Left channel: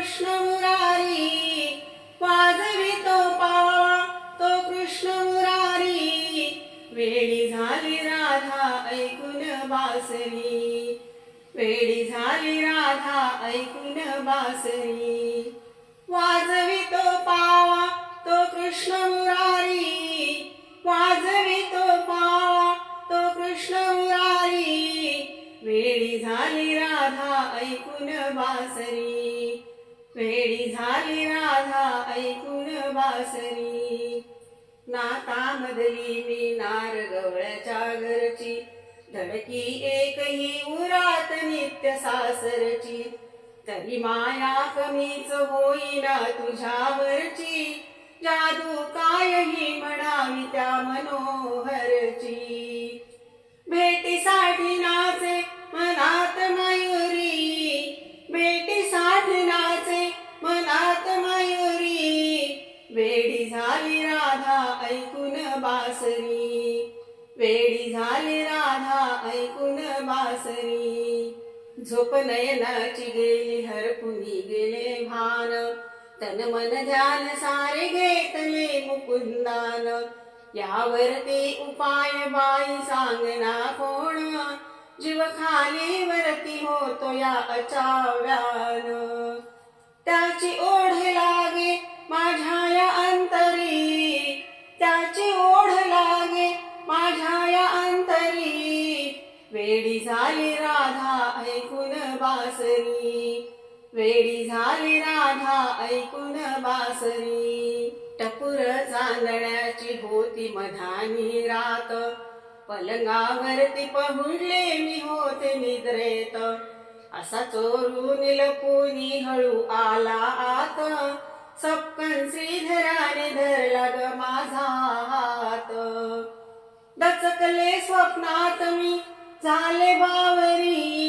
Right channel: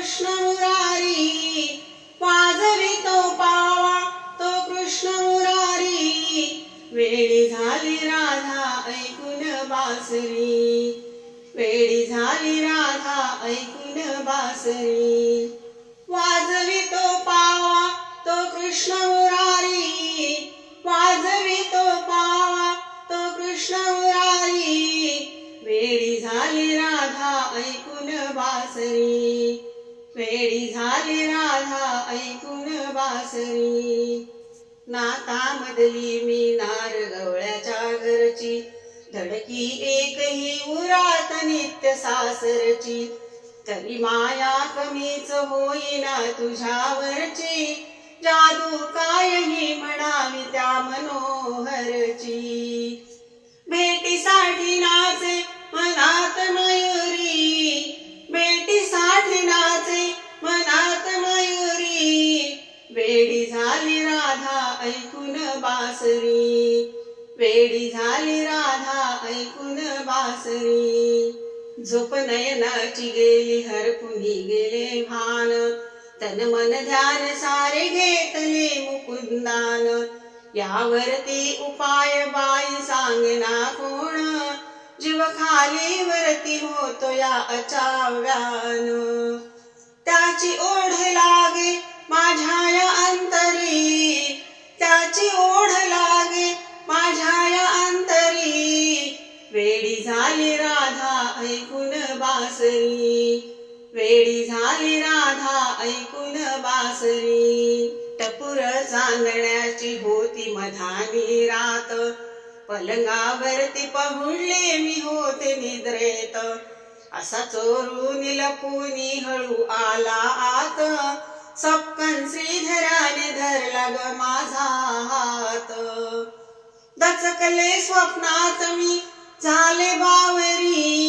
कृष्ण मुरारी वाजवितो पावा तो कृष्ण मुरारी वेळी झाली राधा ऐकून बासरी. वेळी झाली राधा ऐकून बासरी. वाजवितो पावा तो कृष्ण मुरारी वाजवितो पावा तो कृष्ण मुरारी वेळी झाली राधा ऐकून बासरी. वेळी झाली राधा ऐकून बासरी. नाता मदली मी नार गवळ्याच्या घरची. धडकी एकही उरात नित्य सासरची. तरी माया कमीच होईना तुझ्यावरची. जादू कायही म्हणावी त्या मनोहरची. राधा ऐकून बासरी. वेडी झाली राधा ऐकून बासरी. झोप नयनाची गेली हरपुनी गेले भान. तन मन ध्यान सारे घेतले मुकुंदान. यावरती उपाय बाई सांगना कोण? जीव खाली वरती होतो या अचाव्यान. त्याची ओढ झाली ऐकून बासरी. टपुर चांदण्याची होती मधानी रात. पलंगावरती पहुडले मी होते निद्रेत. असा चोरून लपूनी हळू आला आत. सपकन श्रीधराने धरला ग माझा हात. दचकले स्वप्नात मी झाले बावरी.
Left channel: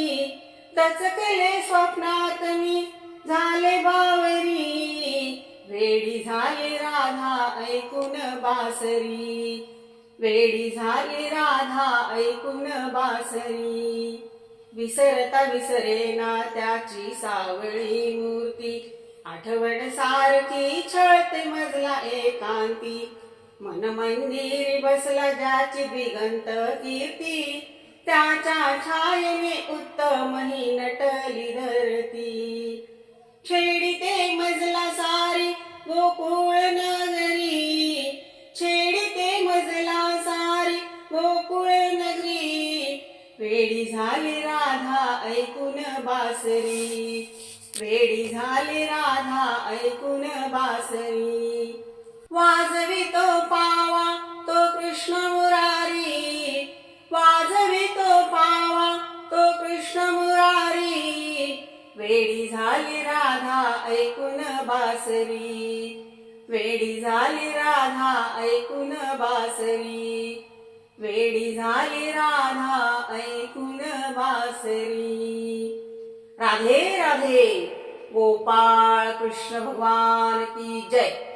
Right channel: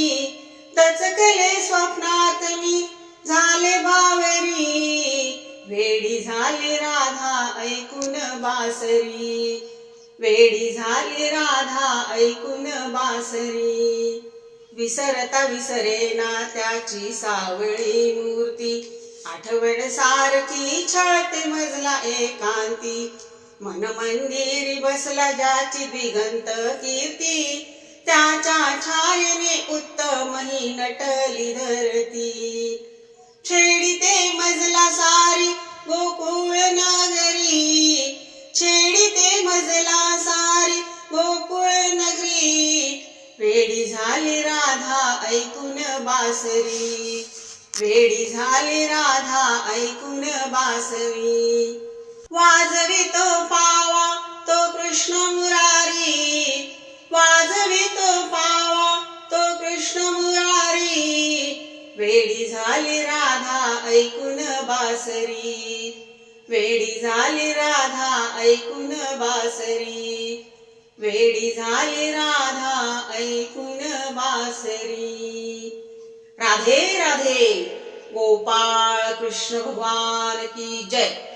ऐकून बासरी. वेडी झाली राधा ऐकून बासरी. विसरता विसरेना त्याची सावळी मूर्ती. आठवण सारखी छळते मजला एकांती. मन मंदिरी बसला ज्याची दिगंत कीर्ती. त्याच्या छायेने उत्तम ही नटली धरती ऐकून बासरी. वेडी झाली राधा ऐकून बासरी. वाजवितो पावा तो कृष्ण मुरारी. वाजवितो पावा तो कृष्ण मुरारी. वेडी झाली राधा ऐकून बासरी. वेडी झाली राधा ऐकून बासरी. वेडी झाली राधा ऐकून बासरी. राधे राधे गोपाळ कृष्ण भगवान की जय.